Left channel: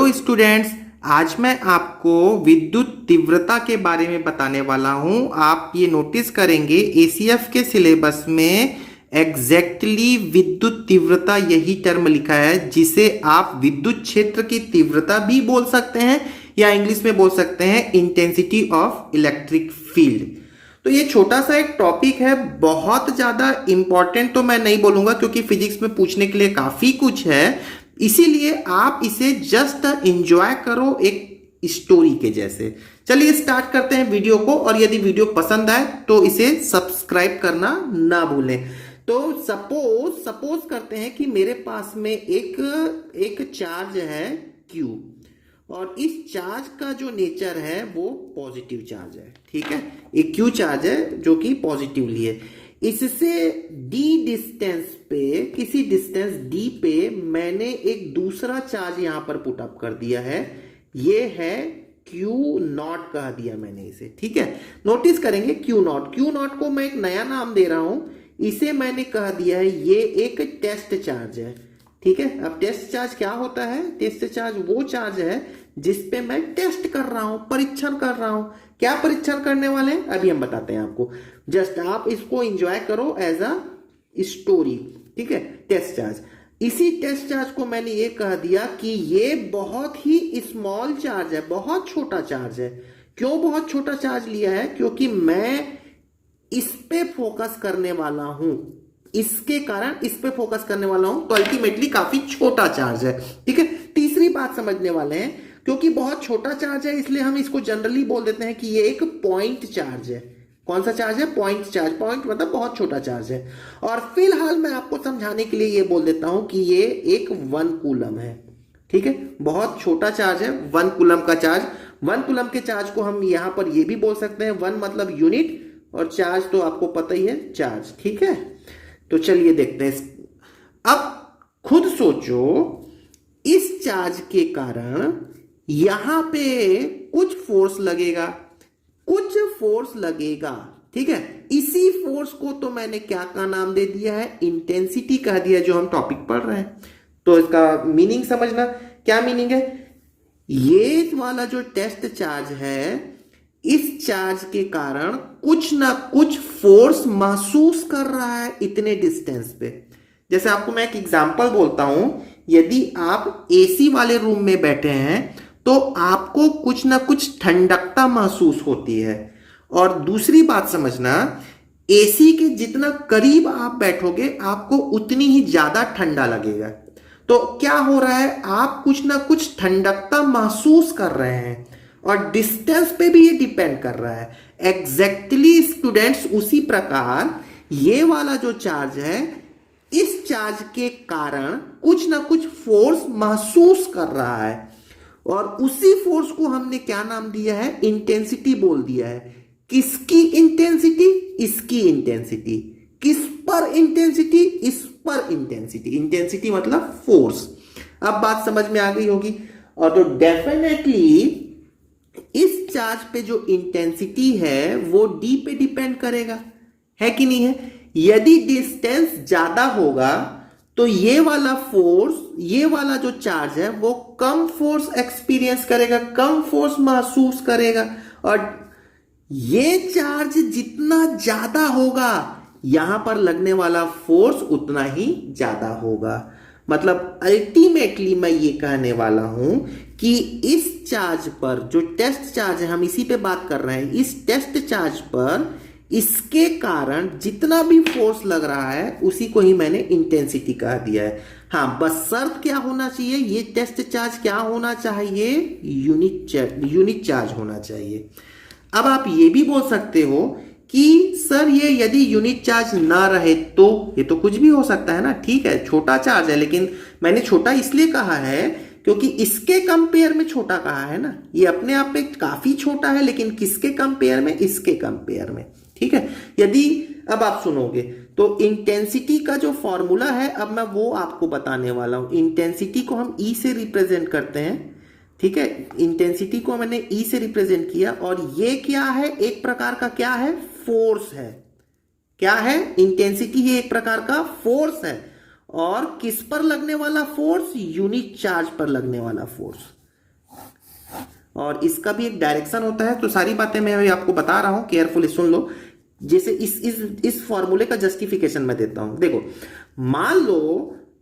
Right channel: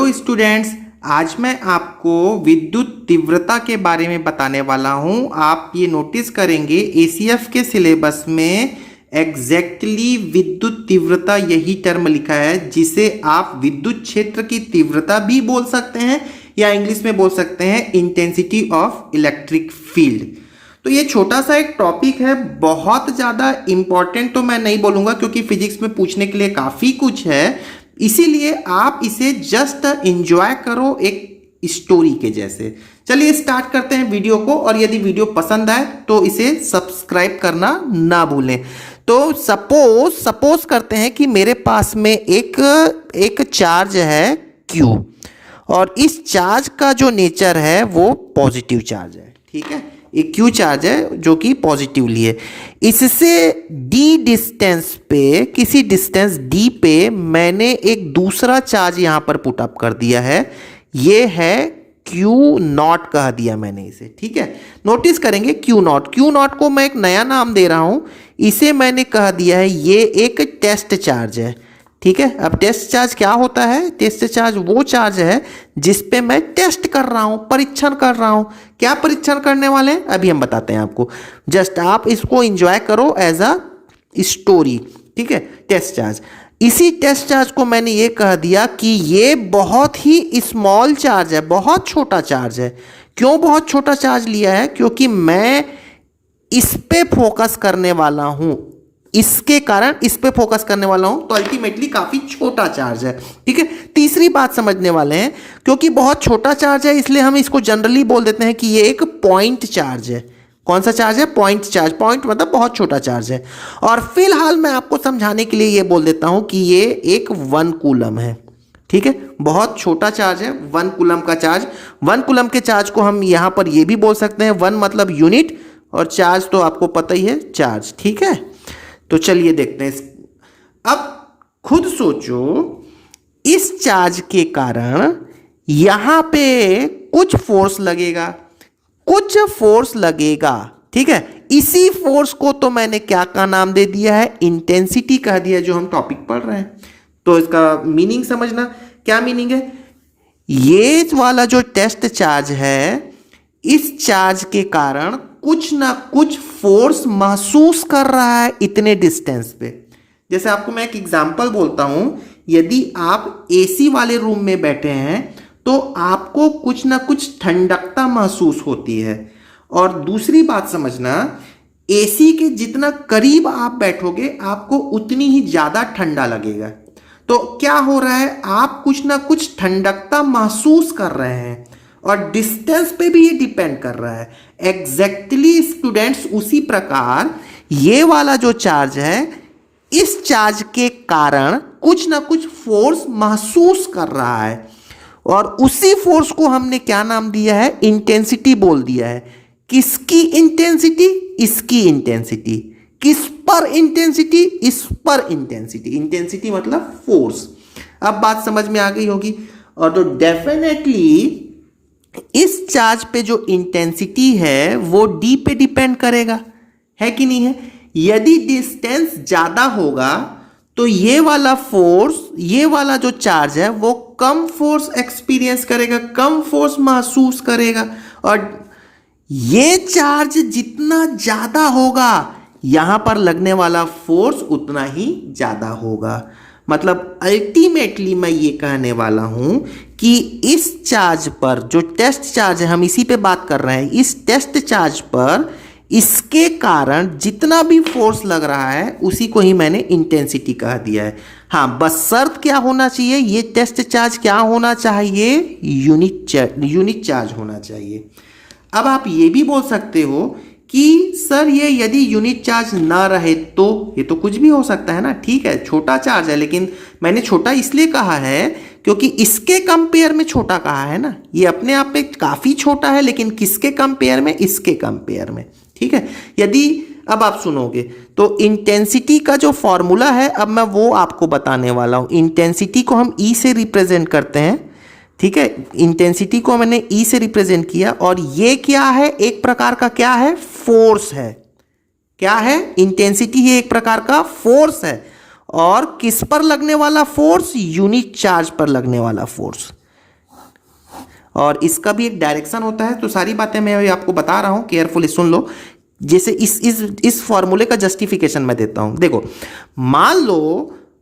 Hello students, आज मैं आपको विद्युत तीव्रता के बारे में बताने वाला हूं। आप ये नोटिस करेंगे एसीएफ के सिलेबस में एग्जैक्टली विद्युत तीव्रता यही टर्म लिखा है, जिसे आप विद्युत क्षेत्र की तीव्रता भी बोल सकते हैं या इंग्लिश में बोल सकते हैं इंटेंसिटी ऑफ इलेक्ट्रिक फील्ड। तो ये छोटा सा एक टॉपिक है, बहुत ज़्यादा इंपॉर्टेंट तो मैं नहीं बोलूँगा क्योंकि फिजिक्स में पूछने के लिए काफ़ी कुछ है, इसीलिए आप इसे जस्ट एंजॉय करो एक स्टोरी के जैसे। चलिए स्टार्ट करते हैं वीडियो को, और यदि वीडियो पसंद आए तो इसे सब्सक्राइब करना ना भूलें। तो सपोज करते हैं कि मेरे पास में एक चार्ज है Q, और इस चार्ज का जो नेचर है वो पॉजिटिव चार्ज है। ठीक है, एक Q चार्ज है जो कि पॉजिटिवली है। इससे d डिस्टेंस पे, किसी डिस्टेंस d पे मैंने एक दूसरा चार्ज यहाँ पर पुट अप कर दिया है, ये है Q0 कह दिया मैंने इसे। ठीक है, नोटिस करेंगे Q0 को मैं एक नया नाम दे रहा हूँ, इसे मैंने कह दिया है ये एक टेस्ट चार्ज है। ठीक है, अब टेस्ट चार्ज क्या होता है? टेस्ट चार्ज वो चार्ज है जिस पे मैं टेस्ट कर रहा हूं, परीक्षण कर रहा हूं। क्या परीक्षण करने वाले हैं अभी हम बताते हैं आपको, जस्ट आप इसको एंजॉय करो एज अ स्टोरी। ठीक है, टेस्ट चार्ज, इसी टेस्ट चार्ज को मैंने ये कह दिया कि ये बहुत ही स्मॉल चार्ज है, बहुत छोटा चार्ज है। क्यों बहुत छोटा चार्ज लिया है? क्योंकि मैं इस पे फोकस करने वाला हूं, इसके कारण इस पे फोकस करने वाला हूं, तो अल्टीमेटली काफी छोटा चार्ज है। ठीक है, तीसरी बात समझने वाले हैं, क्योंकि बहुत छोटा चार्ज है इसलिए हम इसको जनरली बोल देते हैं कि ये एक पॉइंट चार्ज है। कौन सा चार्ज है? Point charge. पॉइंट मतलब बहुत छोटा चार्ज है। और फिलहाल मैं आपको समझाने के लिए ये बोल देता हूं कि ये एक 1 कूलम है। ठीक है, बहुत छोटा चार्ज है, 1 कूलम का चार्ज। 1 कूलम के चार्ज को हम यहां पर ये भी बोल सकते हैं, 1 मतलब यूनिट, और चार्ज तो आपको पता ही है, चार्ज। ठीक है, तो चलिए देखते हैं। अब खुद सोचो, इस चार्ज के कारण यहां पे कुछ फोर्स लगेगा, ठीक है, इसी फोर्स को तो मैंने क्या का नाम दे दिया है? इंटेंसिटी कह दिया, जो हम टॉपिक पढ़ रहे हैं। तो इसका मीनिंग समझना, क्या मीनिंग है? ये वाला जो टेस्ट चार्ज है, इस चार्ज के कारण कुछ ना कुछ फोर्स महसूस कर रहा है इतने डिस्टेंस पे। जैसे आपको मैं एक एग्जांपल बोलता हूं, यदि आप एसी वाले रूम में बैठे हैं तो आपको कुछ ना कुछ ठंडकता महसूस होती है। और दूसरी बात समझना, एसी के जितना करीब आप बैठोगे आपको उतनी ही ज्यादा ठंडा लगेगा। तो क्या हो रहा है? आप कुछ ना कुछ ठंडकता महसूस कर रहे हैं, और डिस्टेंस पे भी ये डिपेंड कर रहा है। एग्जैक्टली स्टूडेंट्स, उसी प्रकार ये वाला जो चार्ज है, इस चार्ज के कारण कुछ ना कुछ फोर्स महसूस कर रहा है, और उसी फोर्स को हमने क्या नाम दिया है? इंटेंसिटी बोल दिया है। किसकी इंटेंसिटी? इसकी इंटेंसिटी। किस पर इंटेंसिटी? इस पर इंटेंसिटी। इंटेंसिटी मतलब फोर्स। अब बात समझ में आ गई होगी। और तो डेफिनेटली इस चार्ज पे जो इंटेंसिटी है वो d पे डिपेंड करेगा, है कि नहीं है? यदि डिस्टेंस ज्यादा होगा तो ये वाला फोर्स, ये वाला जो चार्ज है वो कम फोर्स एक्सपीरियंस करेगा, कम फोर्स महसूस करेगा। और ये चार्ज जितना ज्यादा होगा, यहां पर लगने वाला फोर्स उतना ही ज्यादा होगा। मतलब अल्टीमेटली मैं ये कहने वाला हूं कि इस चार्ज पर, जो टेस्ट चार्ज है, हम इसी पे बात कर रहे हैं, इस टेस्ट चार्ज पर इसके कारण जितना भी फोर्स लग रहा है उसी को ही मैंने इंटेंसिटी कह दिया है। हाँ, बस शर्त क्या होना चाहिए? ये टेस्ट चार्ज क्या होना चाहिए? यूनिट चार्ज होना चाहिए। अब आप ये भी बोल सकते हो कि सर ये यदि यूनिट चार्ज ना रहे तो? ये तो कुछ भी हो सकता है ना। ठीक है, छोटा चार्ज है, लेकिन मैंने छोटा इसलिए कहा है क्योंकि इसके कंपेयर में छोटा कहा है ना। ये अपने आप में काफी छोटा है, लेकिन किसके कंपेयर में? इसके कंपेयर में। ठीक है, यदि अब आप सुनोगे तो इंटेंसिटी का जो फॉर्मूला है, अब मैं वो आपको बताने वाला हूं। इंटेंसिटी को हम E से रिप्रेजेंट करते हैं। ठीक है, इंटेंसिटी को मैंने E से रिप्रेजेंट किया, और ये क्या है? एक प्रकार का क्या है? फोर्स है। क्या है? इंटेंसिटी ही एक प्रकार का फोर्स है। और किस पर लगने वाला फोर्स? यूनिट चार्ज पर लगने वाला फोर्स। और इसका भी एक डायरेक्शन होता है। तो सारी बातें मैं आपको बता रहा हूँ, केयरफुली सुन लो। जैसे इस फॉर्मूले का जस्टिफिकेशन मैं देता हूँ। देखो,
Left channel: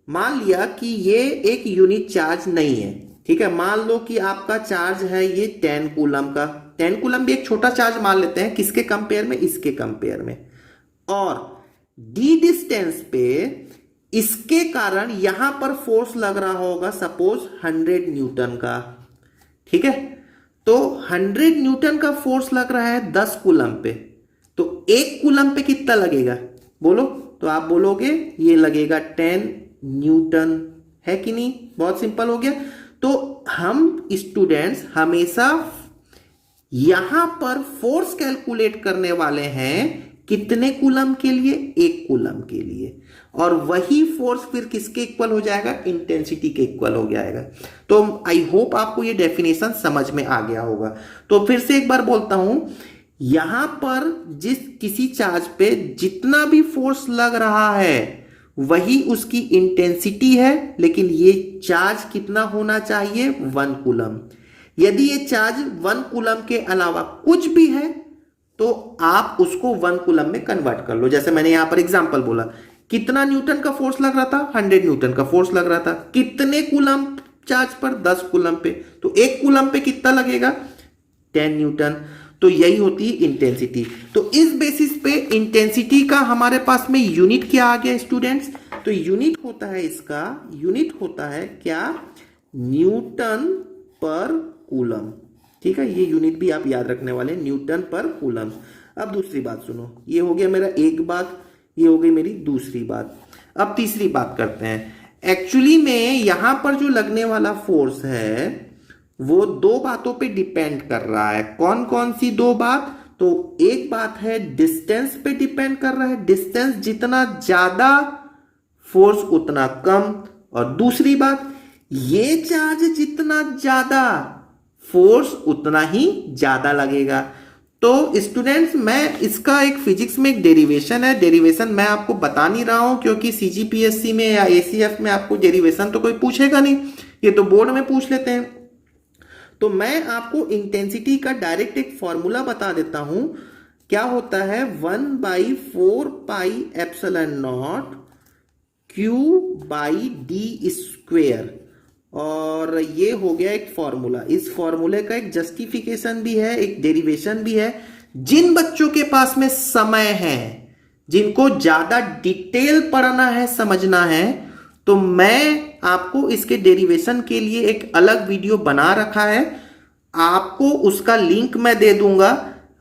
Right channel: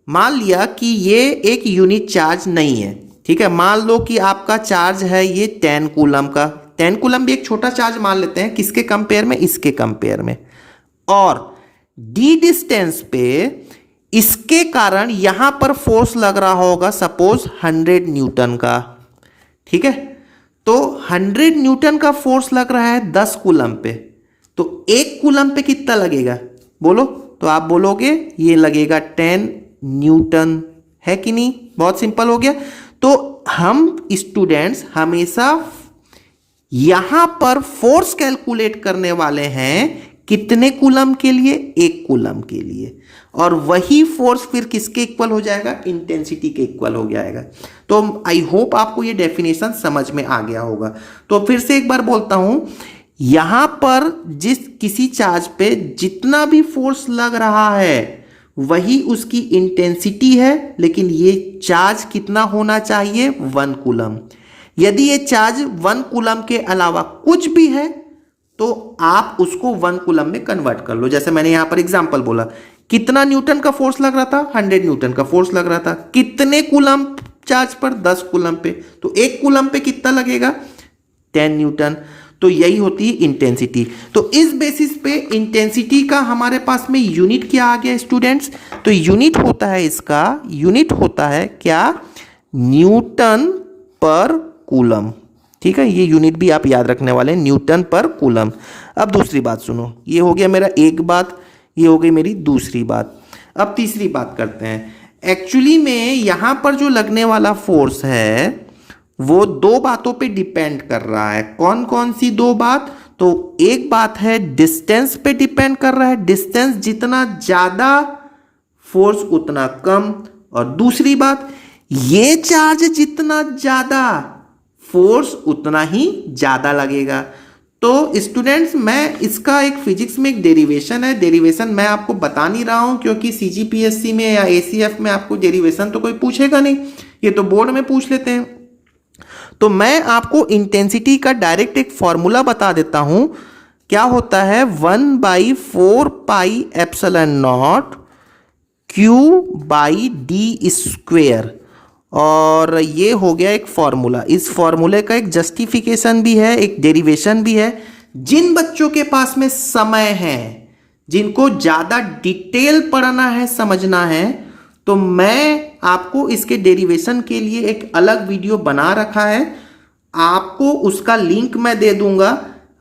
मान लिया कि ये एक यूनिट चार्ज नहीं है, ठीक है। मान लो कि आपका चार्ज है ये 10 कूलम का। 10 कूलम भी एक छोटा चार्ज मान लेते हैं, किसके कंपेयर में, इसके कंपेयर में। और डी डिस्टेंस पे इसके कारण यहां पर फोर्स लग रहा होगा सपोज 100 न्यूटन का, ठीक है। तो 100 न्यूटन का फोर्स लग रहा है 10 कूलम पे, तो 1 कूलम पे कितना लगेगा बोलो। तो आप बोलोगे ये लगेगा 10 न्यूटन, है कि नहीं। बहुत सिंपल हो गया। तो हम स्टूडेंट्स हमेशा यहां पर फोर्स कैलकुलेट करने वाले हैं कितने कूलम के लिए, 1 कूलम के लिए। और वही फोर्स फिर किसके इक्वल हो जाएगा, इंटेंसिटी के इक्वल हो जाएगा। तो आई होप आपको ये डेफिनेशन समझ में आ गया होगा। तो फिर से एक बार बोलता हूं, यहां पर किसी चार्ज पे जितना भी फोर्स लग रहा है वही उसकी इंटेंसिटी है, लेकिन ये चार्ज कितना होना चाहिए, 1 कूलम। यदि ये चार्ज 1 कूलम के अलावा कुछ भी है तो आप उसको 1 कूलम में कन्वर्ट कर लो। जैसे मैंने यहां पर एग्जांपल बोला, कितना न्यूटन का फोर्स लग रहा था, 100 न्यूटन का फोर्स लग रहा था। कितने कूलम चार्ज पर, 10 कूलम पे। तो 1 कूलम पे कितना लगेगा, 10 न्यूटन। तो यही होती है इंटेंसिटी। तो इस बेसिस पे इंटेंसिटी का हमारे पास में यूनिट क्या आ गया स्टूडेंट्स। तो यूनिट होता है इसका, यूनिट होता है क्या, न्यूटन पर कूलम, ठीक है। ये यूनिट भी आप याद रखने वाले हैं, न्यूटन पर कूलम। अब दूसरी बात सुनो, ये हो गया मेरा एक बात, ये हो गई मेरी दूसरी बात। अब तीसरी बात करते हैं। एक्चुअली में यहां पर जो लगने वाला फोर्स है वो 2 बातों पे डिपेंड कर रहा है। कौन कौन सी 2 बात, तो एक बात है डिस्टेंस पे डिपेंड कर रहा है, डिस्टेंस जितना ज्यादा फोर्स उतना कम। और दूसरी बात, ये चार्ज जितना ज्यादा फोर्स उतना ही ज्यादा लगेगा। तो स्टूडेंट्स, मैं इसका एक फिजिक्स में एक डेरिवेशन है, डेरिवेशन मैं आपको बता नहीं रहा हूं क्योंकि सीजीपीएससी में या एसीएफ में आपको डेरिवेशन तो कोई पूछेगा नहीं, ये तो बोर्ड में पूछ लेते हैं। तो मैं आपको इंटेंसिटी का डायरेक्ट एक फॉर्मूला बता देता हूं। क्या होता है, 1/4 पाई एप्सिलॉन नॉट Q/d²। और ये हो गया एक फॉर्मूला। इस फॉर्मूले का एक जस्टिफिकेशन भी है, एक डेरिवेशन भी है। जिन बच्चों के पास में समय है, जिनको ज्यादा डिटेल पढ़ना है, समझना है, तो मैं आपको इसके डेरिवेशन के लिए एक अलग वीडियो बना रखा है। आपको उसका लिंक मैं दे दूंगा,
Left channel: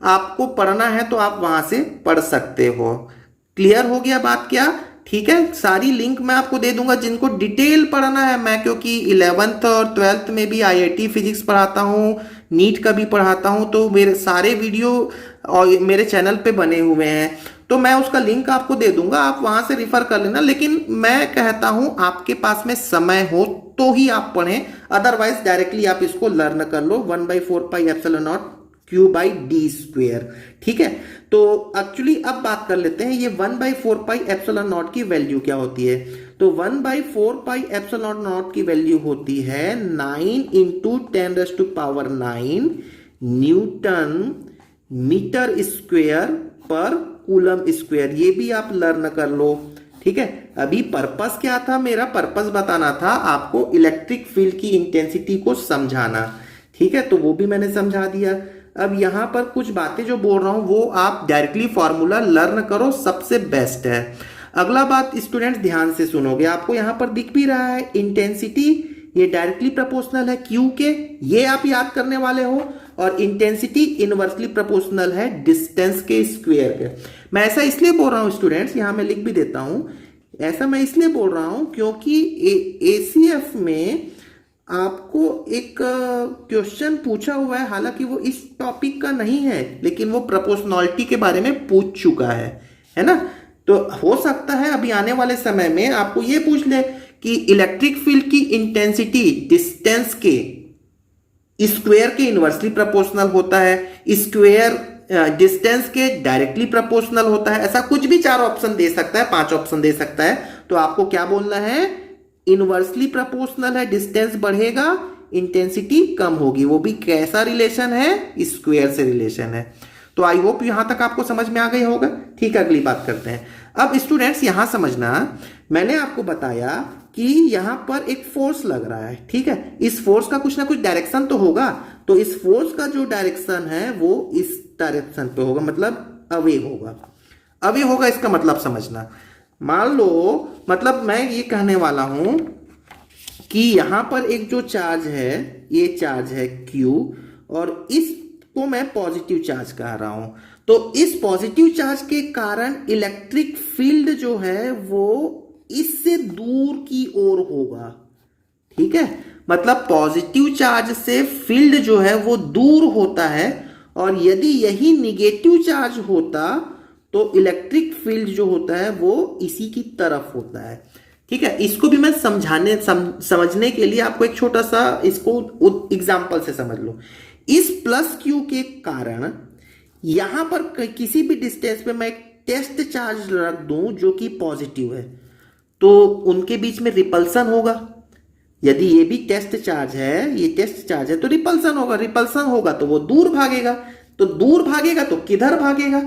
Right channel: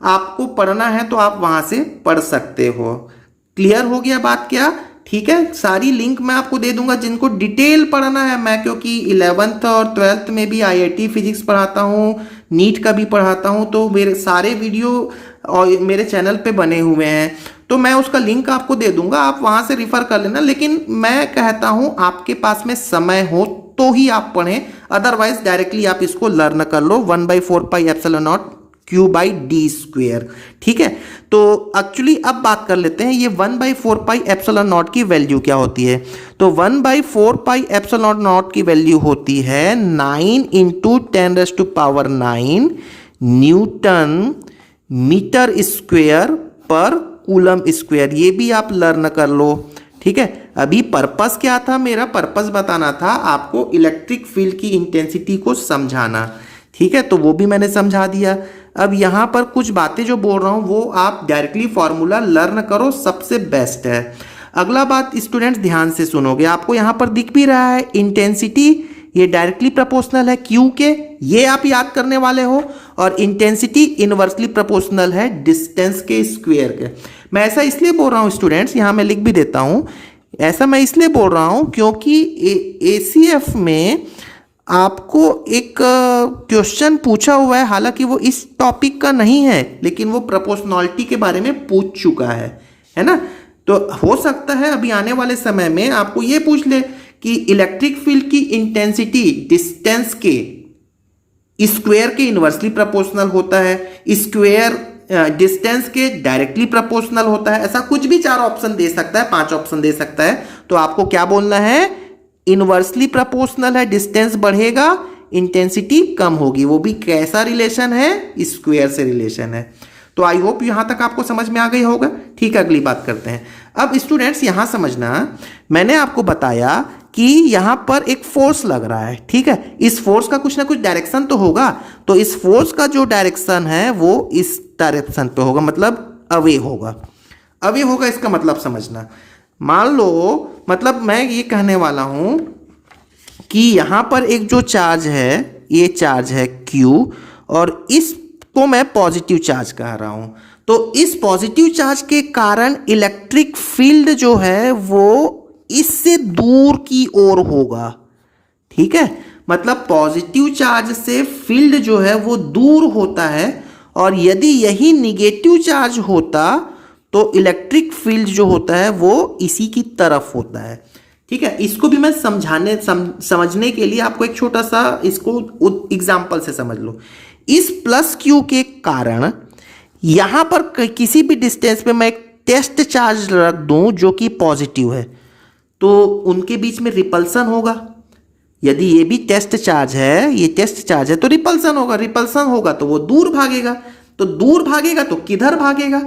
आपको पढ़ना है तो आप वहां से पढ़ सकते हो। क्लियर हो गया बात क्या, ठीक है। सारी लिंक मैं आपको दे दूंगा जिनको डिटेल पढ़ना है। मैं क्योंकि 11th और 12th में भी आईआईटी फिजिक्स पढ़ाता हूँ, नीट का भी पढ़ाता हूँ, तो मेरे सारे वीडियो और मेरे चैनल पे बने हुए हैं। तो मैं उसका लिंक आपको दे दूंगा, आप वहां से रिफर कर लेना। लेकिन मैं कहता हूं आपके पास में समय हो तो ही आप पढ़ें, अदरवाइज डायरेक्टली आप इसको लर्न कर लो, 1/4 पाई एप्सिलॉन नॉट Q/d², ठीक है। तो एक्चुअली अब बात कर लेते हैं ये 1/4 पाई एप्सिलॉन नॉट की वैल्यू क्या होती है। तो 1/4 पाई एप्सिलॉन नॉट की वैल्यू होती है 9 × 10⁹ न्यूटन मीटर स्क्वेयर पर कूलम स्क्वेयर। ये भी आप लर्न कर लो, ठीक है। अभी पर्पस क्या था, मेरा पर्पस बताना था आपको इलेक्ट्रिक फील्ड की इंटेंसिटी को समझाना, ठीक है। तो वो भी मैंने समझा दिया। अब यहां पर कुछ बातें जो बोल रहा हूं वो आप डायरेक्टली फॉर्मूला लर्न करो, सबसे बेस्ट है। अगला बात स्टूडेंट्स ध्यान से सुनोगे, आपको यहां पर दिख भी रहा है इंटेंसिटी, ये डायरेक्टली प्रोपोर्शनल है क्यू के, ये आप याद करने वाले हो। और इंटेंसिटी इनवर्सली प्रोपोर्शनल है डिस्टेंस के स्क्वायर के। मैं ऐसा इसलिए बोल रहा हूं स्टूडेंट्स, यहां मैं लिख भी देता हूं, ऐसा मैं इसलिए बोल रहा हूं क्योंकि एसीएफ में आपको एक क्वेश्चन पूछा हुआ है, हालांकि वो इस टॉपिक का नहीं है, लेकिन वो प्रोपोर्शनलिटी के बारे में पूछ चुका है ना। तो हो सकता है अभी आने वाले समय में आपको ये पूछ ले कि इलेक्ट्रिक फील्ड की इंटेंसिटी डिस्टेंस के स्क्वायर के इनवर्सली प्रोपोर्शनल होता है, स्क्वायर डिस्टेंस के डायरेक्टली प्रोपोर्शनल होता है। ऐसा कुछ भी 4 ऑप्शन दे सकता है, 5 ऑप्शन दे सकता है। तो आपको क्या बोलना है, इनवर्सली प्रोपोर्शनल है, डिस्टेंस बढ़ेगा, इंटेंसिटी कम होगी। वो भी कैसा रिलेशन है? स्क्वायर से रिलेशन है। तो आई होप यहां तक आपको समझ में आ गई होगा। ठीक है, अगली बात करते हैं। अब स्टूडेंट्स यहां समझना, मैंने आपको बताया कि यहां पर एक फोर्स लग रहा है, ठीक है। इस फोर्स का कुछ ना कुछ डायरेक्शन तो होगा, तो इस फोर्स का जो डायरेक्शन है वो इस डायरेक्शन पे होगा, मतलब अवे होगा। अवे होगा इसका मतलब समझना, मान लो मतलब मैं ये कहने वाला हूं कि यहां पर एक जो चार्ज है, ये चार्ज है Q, और इसको मैं पॉजिटिव चार्ज कह रहा हूं। तो इस पॉजिटिव चार्ज के कारण इलेक्ट्रिक फील्ड जो है वो इससे दूर की ओर होगा, ठीक है। मतलब पॉजिटिव चार्ज से फील्ड जो है वो दूर होता है, और यदि यही निगेटिव चार्ज होता तो इलेक्ट्रिक फील्ड जो होता है वो इसी की तरफ होता है, ठीक है। इसको भी मैं समझने के लिए आपको एक छोटा सा इसको एग्जांपल से समझ लो। इस प्लस क्यू के कारण यहां पर किसी भी डिस्टेंस पे मैं एक टेस्ट चार्ज रख दूं जो कि पॉजिटिव है, तो उनके बीच में रिपल्सन होगा। यदि ये भी टेस्ट चार्ज है, ये टेस्ट चार्ज है, तो रिपल्सन होगा। रिपल्सन होगा तो वो दूर भागेगा, तो दूर भागेगा तो किधर भागेगा?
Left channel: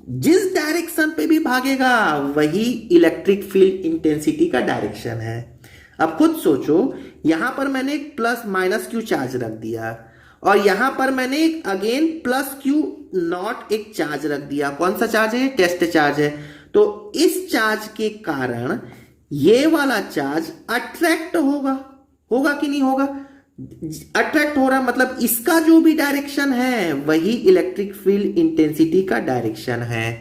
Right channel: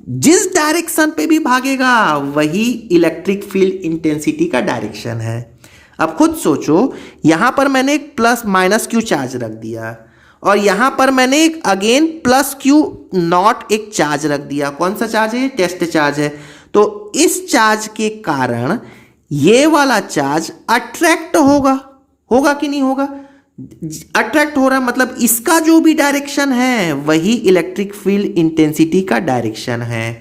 जिस डायरेक्शन पे भी भागेगा वही इलेक्ट्रिक फील्ड इंटेंसिटी का डायरेक्शन है। अब खुद सोचो, यहां पर मैंने एक प्लस माइनस क्यू चार्ज रख दिया, और यहां पर मैंने एक अगेन प्लस क्यू नॉट एक चार्ज रख दिया। कौन सा चार्ज है? टेस्ट चार्ज है। तो इस चार्ज के कारण ये वाला चार्ज अट्रैक्ट होगा कि नहीं होगा? अट्रैक्ट हो रहा है, मतलब इसका जो भी डायरेक्शन है वही इलेक्ट्रिक फील्ड इंटेंसिटी का डायरेक्शन है।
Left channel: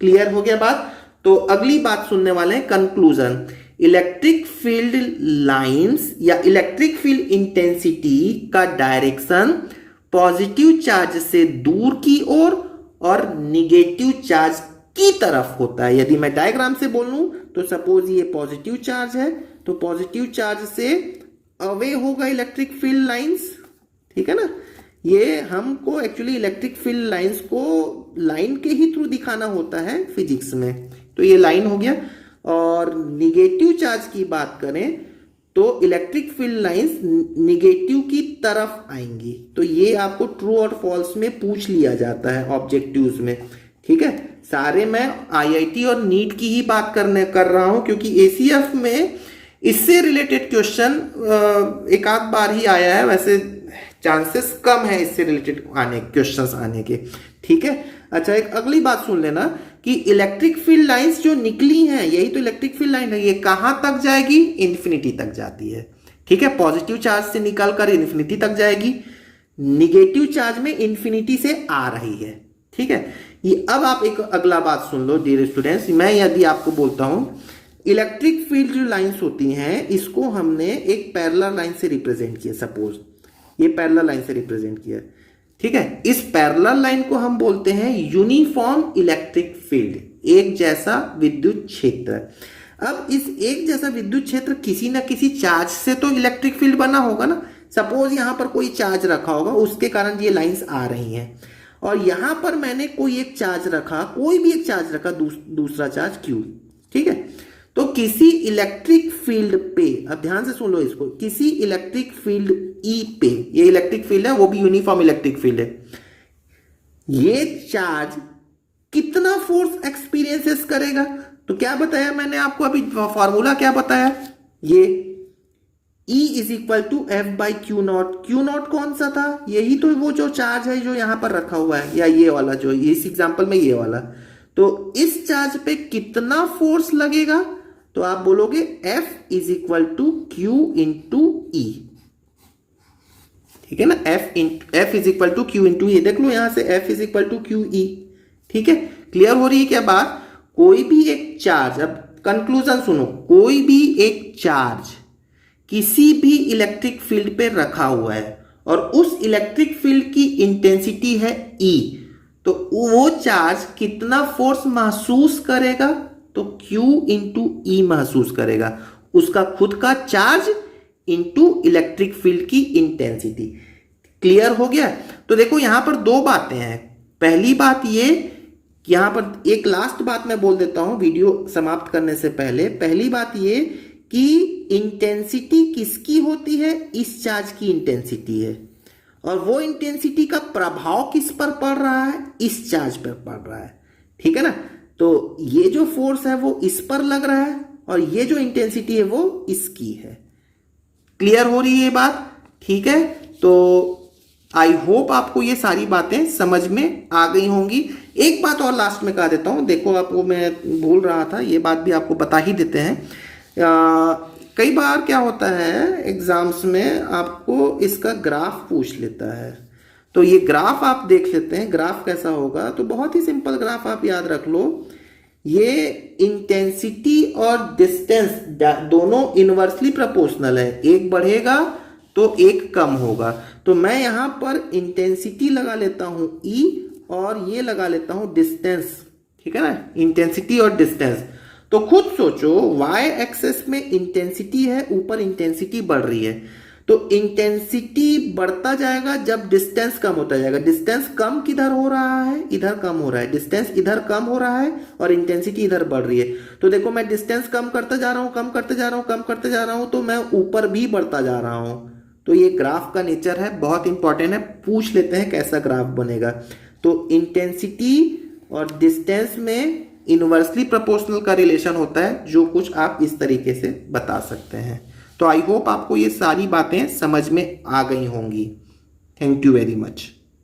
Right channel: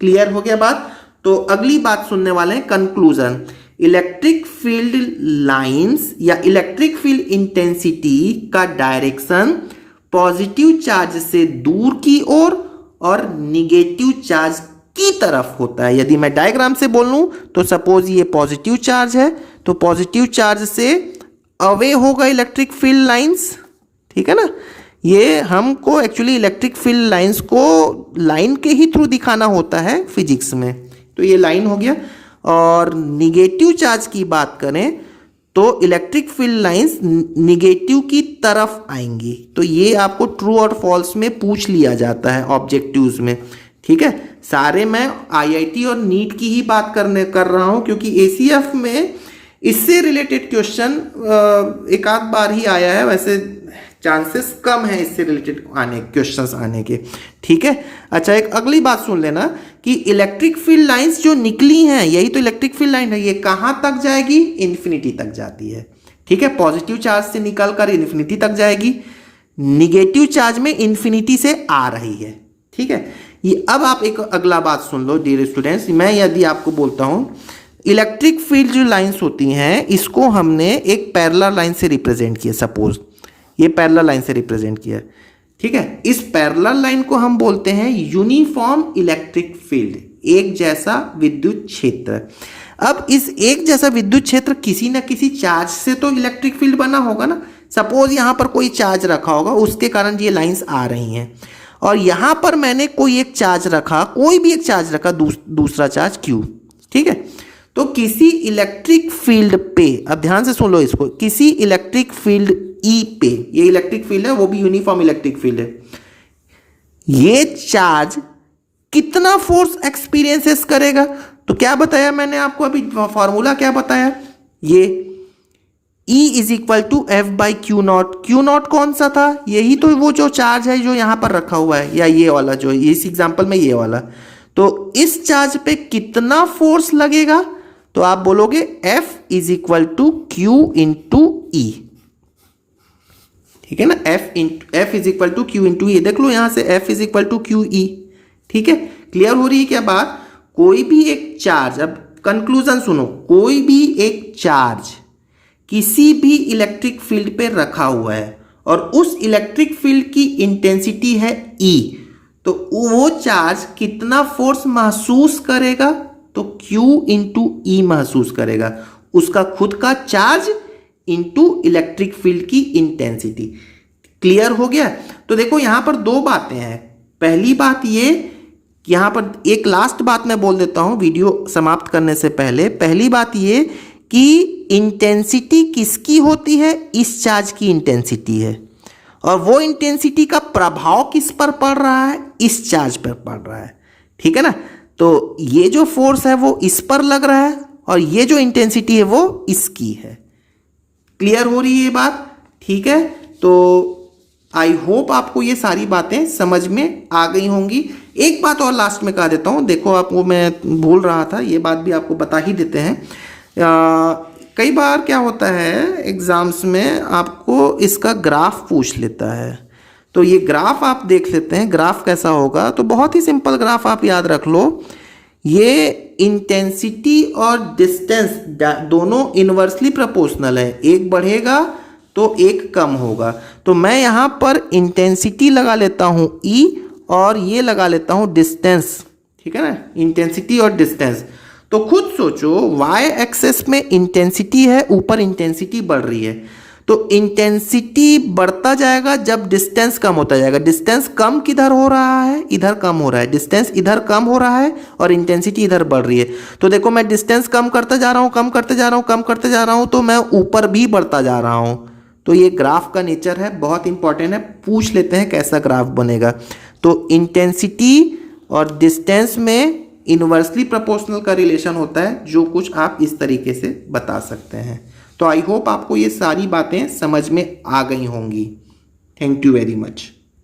क्लियर हो गया बात? तो अगली बात सुनने वाले हैं, कंक्लूजन। इलेक्ट्रिक फील्ड लाइंस या इलेक्ट्रिक फील्ड इंटेंसिटी का डायरेक्शन पॉजिटिव चार्ज से दूर की ओर और निगेटिव चार्ज की तरफ होता है। यदि मैं डायग्राम से बोलूं तो सपोज ये पॉजिटिव चार्ज है, तो पॉजिटिव चार्ज से अवे होगा इलेक्ट्रिक फील्ड लाइंस, ठीक है ना। ये हमको एक्चुअली इलेक्ट्रिक फील्ड लाइंस को लाइन के ही थ्रू दिखाना होता है फिजिक्स में, तो ये लाइन हो गया। और निगेटिव चार्ज की बात करें तो इलेक्ट्रिक फील्ड लाइंस निगेटिव की तरफ आएंगी। तो ये आपको ट्रू और फॉल्स में पूछ लिया जाता है ऑब्जेक्टिव्स में, ठीक है। सारे मैं आईआईटी और नीट की ही बात कर रहा हूं, क्योंकि एसीएफ में इससे रिलेटेड क्वेश्चन एक आध बार ही आया है, वैसे चांसेस कम है इससे रिलेटेड क्वेश्चंस आने के, ठीक है। अच्छा, एक अगली बात सुन लेना कि इलेक्ट्रिक फील्ड लाइंस जो निकली हैं, यही तो इलेक्ट्रिक फील्ड लाइन है, ये कहां तक जाएगी? इन्फिनिटी तक जाती है, ठीक है। पॉजिटिव चार्ज से निकलकर इन्फिनिटी तक जाएगी, निगेटिव चार्ज में इन्फिनिटी से आ रही है, ठीक है। ये अब आप एक अगला बात सुन लो डियर स्टूडेंट्स। मैं यदि आपको बोलता हूं इलेक्ट्रिक फील्ड जो लाइंस होती हैं इसको हमने एक पैरेलल लाइन से रिप्रेजेंट किया, सपोज ये पैरेलल लाइन से रिप्रेजेंट किया, ठीक है। इस पैरेलल लाइन को हम बोलते हैं यूनिफॉर्म इलेक्ट्रिक फील्ड, एक जैसा विद्युत क्षेत्र। अब इस एक जैसा विद्युत क्षेत्र किसी न किसी चार्ज से तो इलेक्ट्रिक फील्ड बना होगा ना। सपोज यहां पर कोई चार्ज रखा होगा, उसके कारण ये लाइंस आ रही हैं, और यहां पर मैंने कोई एक चार्ज रखा, कोई भी एक चार्ज रखा, दूसरा चार्ज Q, ठीक है। तो किसी इलेक्ट्रिक फील्ड पे, अब ध्यान से सुन लो इसको, किसी इलेक्ट्रिक फील्ड E पे, ये इलेक्ट्रिक फील्ड है, वो भी यूनिफॉर्म इलेक्ट्रिक फील्ड है, ये चार्ज कितना फोर्स एक्सपीरियंसेस करेगा? तो क्या बताया मैंने आपको अभी, फॉर्मूला क्या बताया? ये E is equal to f by q naught. Q naught कौन सा था? यही तो वो जो चार्ज है जो यहां पर रखा हुआ है, या ये वाला जो इस एग्जांपल में ये वाला। तो इस चार्ज पे कितना फोर्स लगेगा? तो आप बोलोगे F is equal to Q into E, ठीक है ना। F is equal to Q into E, देख लो यहां से F is equal to QE, ठीक है। क्लियर हो रही है क्या बात? कोई भी एक चार्ज, अब कंक्लूजन सुनो, कोई भी एक चार्ज किसी भी इलेक्ट्रिक फील्ड पे रखा हुआ है और उस इलेक्ट्रिक फील्ड की इंटेंसिटी है E, तो वो चार्ज कितना फोर्स महसूस करेगा? तो Q इंटू E महसूस करेगा, उसका खुद का चार्ज इंटू इलेक्ट्रिक फील्ड की इंटेंसिटी। क्लियर हो गया? तो देखो यहां पर दो बातें हैं। पहली बात ये, यहां पर एक लास्ट बात मैं बोल देता हूं वीडियो समाप्त करने से पहले। पहली बात ये कि इंटेंसिटी किसकी होती है, इस चार्ज की इंटेंसिटी है, और वो इंटेंसिटी का प्रभाव किस पर पड़ रहा है, इस चार्ज पर पड़ रहा है। ठीक है ना। तो ये जो फोर्स है वो इस पर लग रहा है और ये जो इंटेंसिटी है वो इसकी है। क्लियर हो रही है ये बात? ठीक है। तो आई होप आपको ये सारी बातें समझ में आ गई होंगी। एक बात और लास्ट में कह देता हूँ, देखो आपको मैं भूल रहा था, ये बात भी आपको बता ही देते हैं। कई बार क्या होता है एग्जाम्स में आपको इसका ग्राफ पूछ लेता है, तो ये ग्राफ आप देख लेते हैं। ग्राफ कैसा होगा, तो बहुत ही सिंपल ग्राफ आप याद रख लो। ये इंटेंसिटी और डिस्टेंस दोनों इनवर्सली प्रोपोर्शनल है, एक बढ़ेगा तो एक कम होगा। तो मैं यहाँ पर इंटेंसिटी लगा लेता हूँ E और ये लगा लेता हूँ डिस्टेंस। ठीक है ना, इंटेंसिटी और डिस्टेंस। तो खुद सोचो, y एक्सेस में इंटेंसिटी है, ऊपर इंटेंसिटी बढ़ रही है, तो इंटेंसिटी बढ़ता जाएगा जब डिस्टेंस कम होता जाएगा। डिस्टेंस कम किधर हो रहा है, इधर कम हो रहा है। डिस्टेंस इधर कम हो रहा है और इंटेंसिटी इधर बढ़ रही है। तो देखो मैं डिस्टेंस कम करते जा रहा हूँ, कम करते जा रहा हूँ, कम करते जा रहा हूँ, तो मैं ऊपर भी बढ़ता जा रहा हूँ। तो ये ग्राफ का नेचर है, बहुत इंपॉर्टेंट है। पूछ लेते हैं कैसा ग्राफ बनेगा। तो इंटेंसिटी और डिस्टेंस में इनवर्सली प्रोपोर्शनल का रिलेशन होता है, जो कुछ आप इस तरीके से बता सकते हैं। तो आई होप आपको ये सारी बातें समझ में आ गई होंगी। Thank you very much.